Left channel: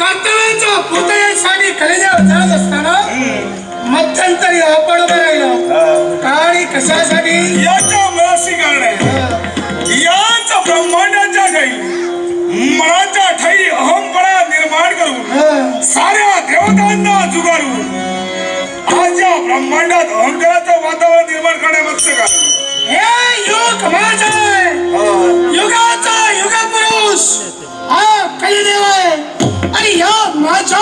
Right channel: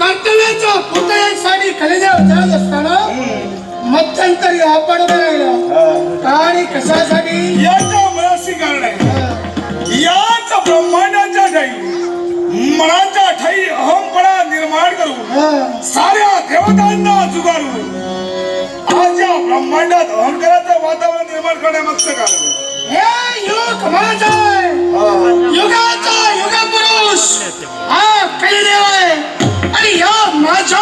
कर्तव्याच्या पूर्ततेसाठी खरेदीवर जात असताना मध्यंतरी अपडता लागला. आणि कशासाठी? याच्या मनाशी कारण आहे. याच ब्रह्मांडाच्या ठाई मनाच्या ठाई अहंपणा निर्माण करून साऱ्या देवतांना जुगारून आज या ब्रह्मांडात अहंकाराचं वातावरण निर्माण करणे मत्स्य कारण. हे युग माझा युगाचा युग पुरुष हा कलिदेव आहे. आणि या माझ्या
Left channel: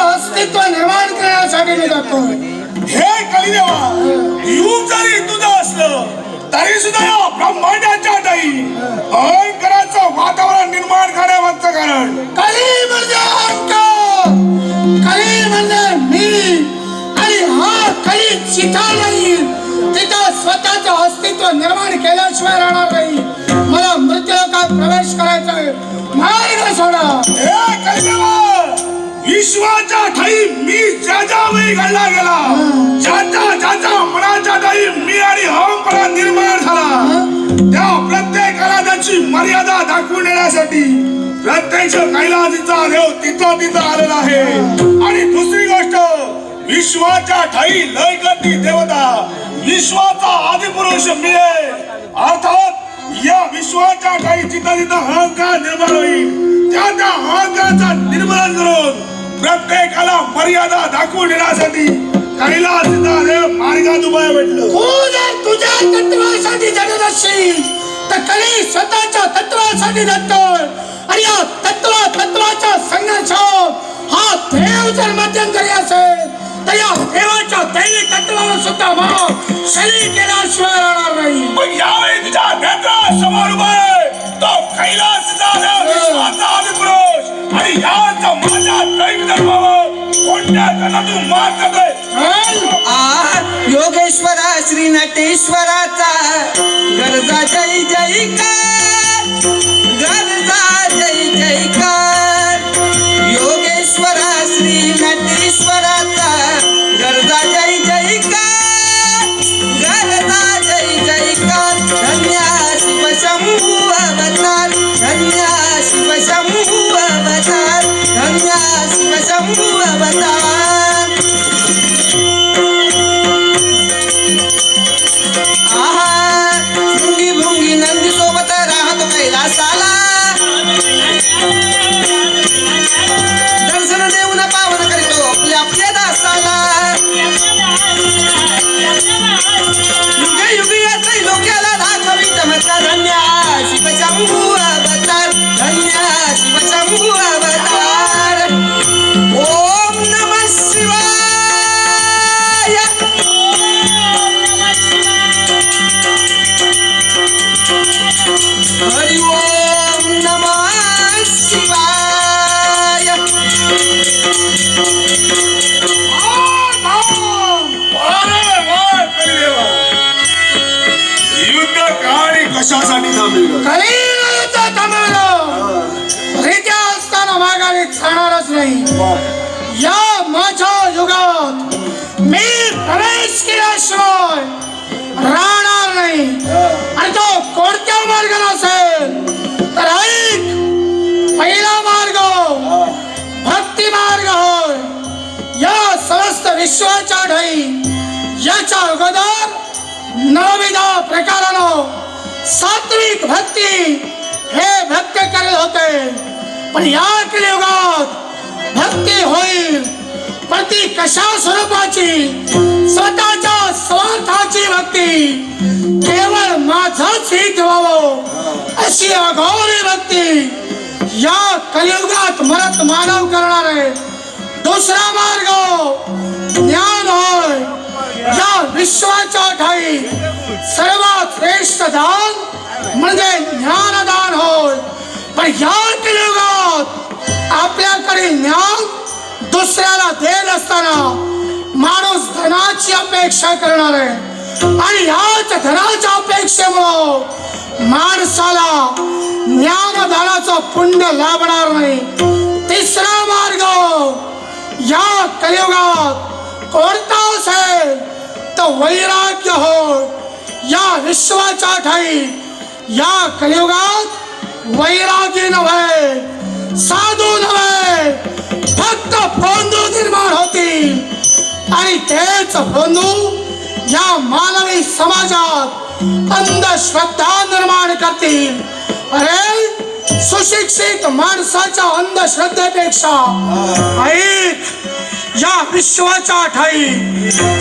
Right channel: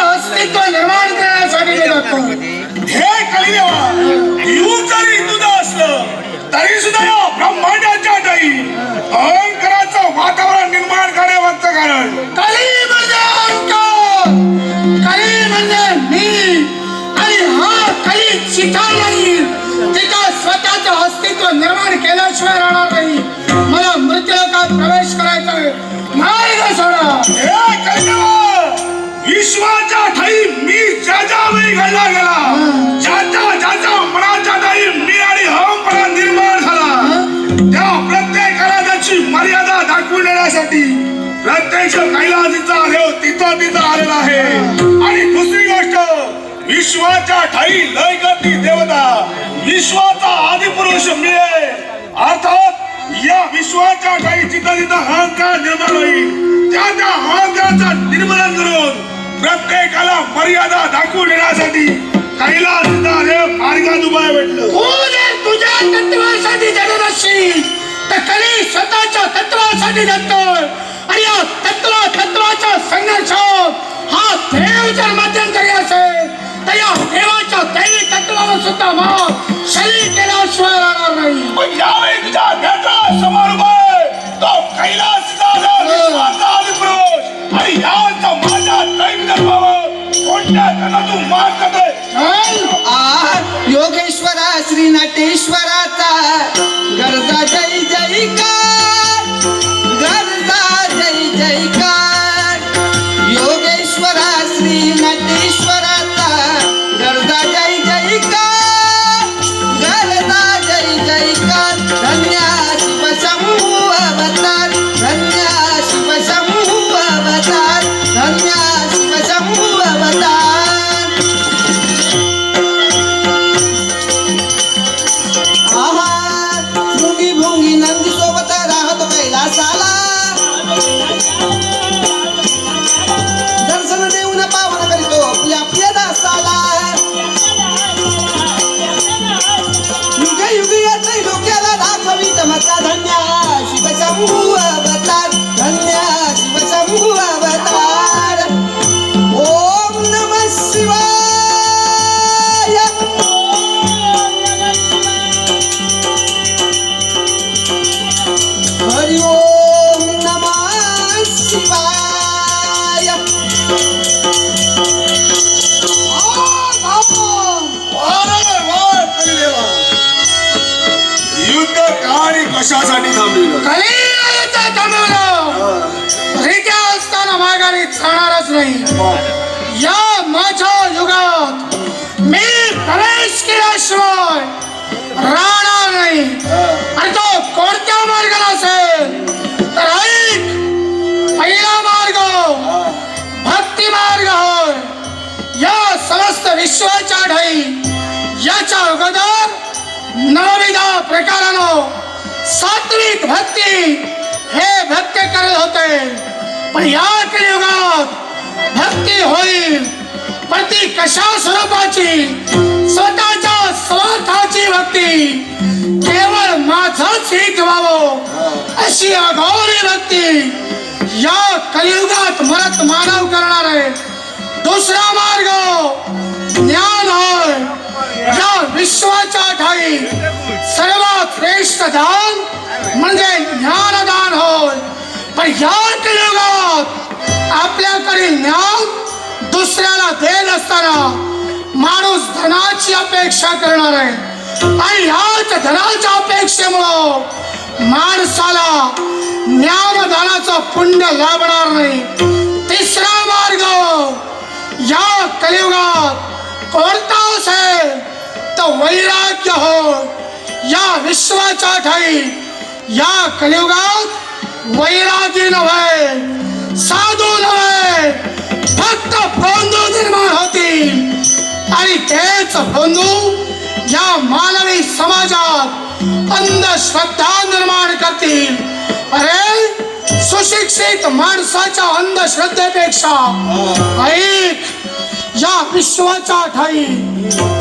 अस्तित्व निर्माण करण्यासाठी मी जातो. हे कलिदेवा युग जरी तुझं असलं तरी सुद्धा या ब्रह्मांडाच्या ठाई अहंकाराचं वातावरण निर्माण करणे मत्स्य कारण. कली म्हणजे अहंकार, कली म्हणजे मी. आणि हा कली चिठा नाही तिचा स्वतःचं अस्तित्व निर्माण केल्याशिवाय राहणार नाही. मला मृत्यूलोकात प्रवेश करायचा आहे. मार्ग सोडा. हे कलिदेवा विश्वाच्या ठाई मी ज्याच्या वेळी घडला गेला ज्याच्या मनाच्या ठाई मी आणि अहंपणा निर्माण झाला त्या प्रत्येकाला त्याची मर्यादा दाखवून देण्यासाठी प्रत्यक्ष कैलासीचा देव तिथं आलेला आहे. आणि दुसरी गोष्ट विश्वाच्या ठाई लय करती देवता विश्वाचा आदिपुरुष मी आहे. अर्थात या विश्वाच्या ठाई जिथं अहंकार निर्माण होईल त्या अहंकाराचा निर्मूलन करून प्रत्येकाला मर्यादा दाखवून देण्यासाठी कैलासीचा देव मार्गात उभा भेटलं. तुझ्या तत्वासाठी जगत असशील तर कली स्वतःच्या तत्वासाठी जगतोय. आणि या तत्वाचा संघर्ष हा देव जर मध्यंतरी असेल तर या देवाच्या दैवी तत्वाला सुद्धा भाव शरीर केल्याशिवाय राहणार नाही. पण यावेळी तुझ्या नेत्रासमोर उभा आहे तो कैलासचा देव विश्वाचा आदिपुरुष. आणि याचा माझ्या दैवी तत्वावर कोणत्या त्यांना तू मार करतोय? योगेश्वरा श्री नटेश्वराचा गरजा जय जयकार, गरजा जय जयकार. योगेश्वरा श्री नटेश्वराचा गरजा जय जयकार, गरजा जय जयकार. धन्य शिवशंभू अवतार, धन्य शिवशंभू अवतार, धन्य शिवशंभू अवतार. भुंगी भुंगी नंदी सोबत राहतो कैलासाला, दर्शन देऊन पावन करीतो आपल्या दासाला. युगे युगे येते लोक्याला दाखवी चमत्कार. धन्य शिवशंभू अवतार, धन्य शिवशंभू अवतार. ओम नमः शिवाय. हरि ओम नमः शिवाय. युद्ध कहाणी कशासाठी थांबली? कलीचा थांबवलं रित्या असताना माघारी जाणारच नाही. या माझ्या युगात मी प्रवेश केल्याशिवाय राहणार नाही. आणि तो कोणत्या मार्गाला असेल तर ऐक. पहिला मार्ग भक्ती मार्ग होय. या समस्त विश्वाच्या ठाई याच्या अगोदर नवविधा प्रकारानं सात्विक भक्ती हे भक्त करत होते. पण या कलियुगात भक्ती होईल पण ती कशा स्वरूपाची? स्वतःच्या स्वार्थाची भक्ती. केवळ माझंच हित व्हावं अशी अघोरी भक्ती या कलियुगात मरत मानव करणार आहे. दुसरा मार्ग ज्ञान होय. या विश्वाच्या ठाई सर्वात श्रेष्ठ दान म्हणजे ज्ञानदान होय. पण या कलियुगात आपल्याकडे ज्ञान दुसऱ्याला देत असताना माणूस धनाची अपेक्षा करणार आहे आणि याच धनाच्या अपेक्षेमुळं माणसाला ज्ञानदानाचं पुण्य लाभणार नाही. तिसरा मार्ग या कलियुगात कोणता असेल तर वैराग्य हो. या विश्वाच्या ठाई या कलियुगात वैरागी नव्हे, साधू नव्हे, फक्त बंधू निर्माण होतील आणि तेच बंधू या मानवी समाजात अंधश्रद्धा निर्माण करतील. अरे सुशिक्षित माणसाच्या अंधश्रद्धेपेक्षा ऐक, या विश्वाच्या ठाई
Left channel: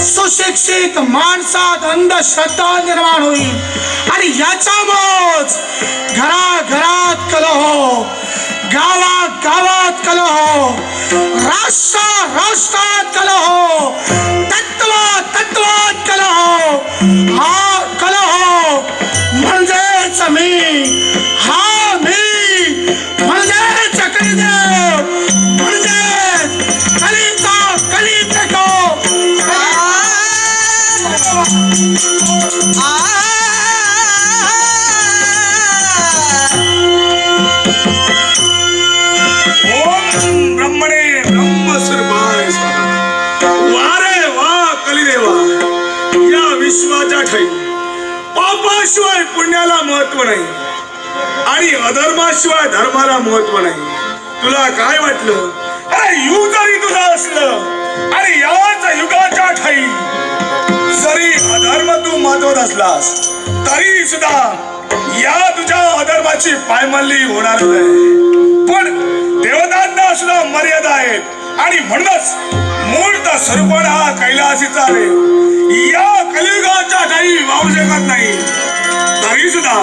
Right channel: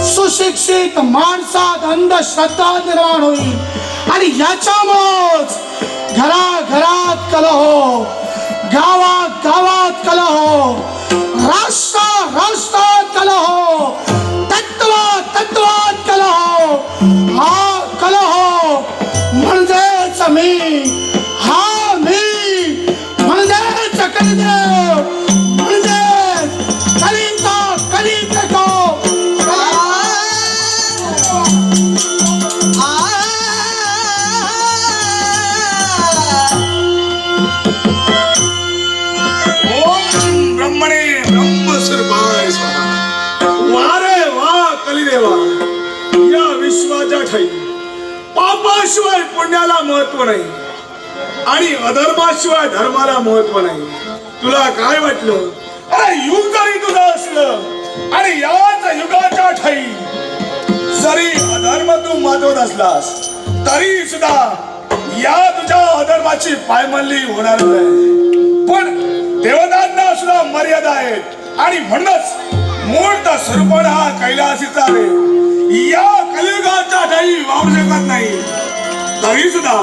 सुशिक्षित माणसात अंधश्रद्धा निर्माण होईल आणि याच्यामुळेच घराघरात कलह, गावात गावात कलह, राष्ट्रात कलह, तत्वात कलह. हा कलह म्हणजेच मी, हा मी म्हणजेच कलिदेव, म्हणजेच कलीचा कली प्रकोप. ओम ब्रह्मणे ब्रह्मस्वरूपाय स्वाहा. वारे वा कलिदेवा, या विश्वाच्या ठाई पापाशिवाय पुण्याला महत्व नाही आणि अधर्माशिवाय धर्माला महत्व नाही. तुला काय वाटलं? अरे युग जरी तुझं असलं आणि याच युगाच्या ठाई जरी अधर्म तू माजवत असलास तरी सुद्धा या तुझ्या अधर्माची पायमल्ली होणार नाही. पण देवतांना सुद्धा मर्यादा आहेत आणि म्हणूनच मूर्त स्वरूपान हा कैलासीचा रे या कलियुगाच्या ठाई वाहू शकत नाही. तरी सुद्धा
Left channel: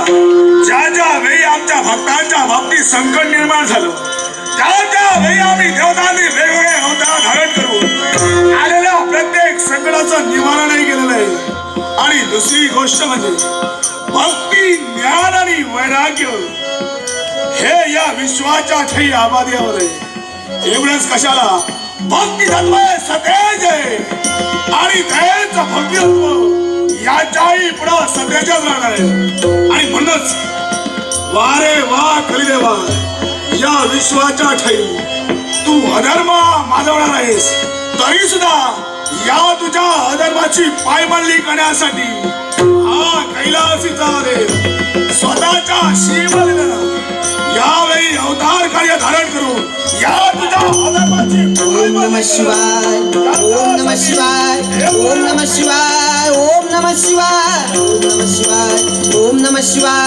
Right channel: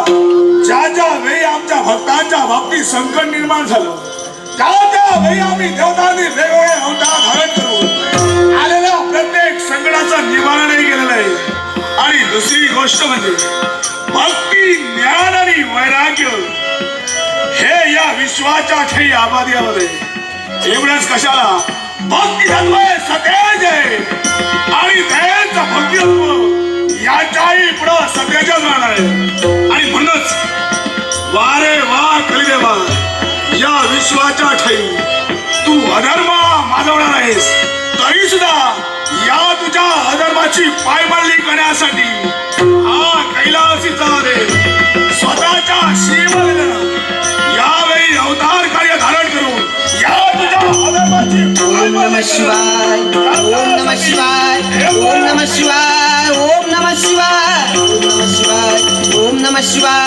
ज्या ज्या वेळी आमच्या भक्तांच्या बाबतीत संकट निर्माण झालं त्या वेळी आम्ही देवतांनी वेगवेगळे अवतार धारण करून आलेल्या प्रत्येक संकटाचं निवारणही केलेलं आहे. आणि दुसरी गोष्ट म्हणजे भक्ती, ज्ञान आणि वैराग्य हे या विश्वाच्या ठाई आबादियामध्ये. एवढंच कशाला, भक्ती तत्व सतेज आहे आणि तेच भक्ती तत्व याच्याही पुढं सतेजच राहणार आहे. आणि म्हणूनच वारे वा कलिदेवा, या विश्वाच्या ठाई तू अधर्म माजवणार आहेस तरी सुद्धा या तुझ्या अधर्माची पायमल्ली करण्यासाठी हा कैलासीचा रे स्वतःच्या शिवलिंगानं यावेळी अवतार कार्य धारण करून या तुझ्या अधर्माची ओम नमः शिवाय, ओम नमः शिवाय, ओम नमः शिवाय, ओम नमः शिवाय, ओम नमः शिवाय, ओम नमः शिवाय.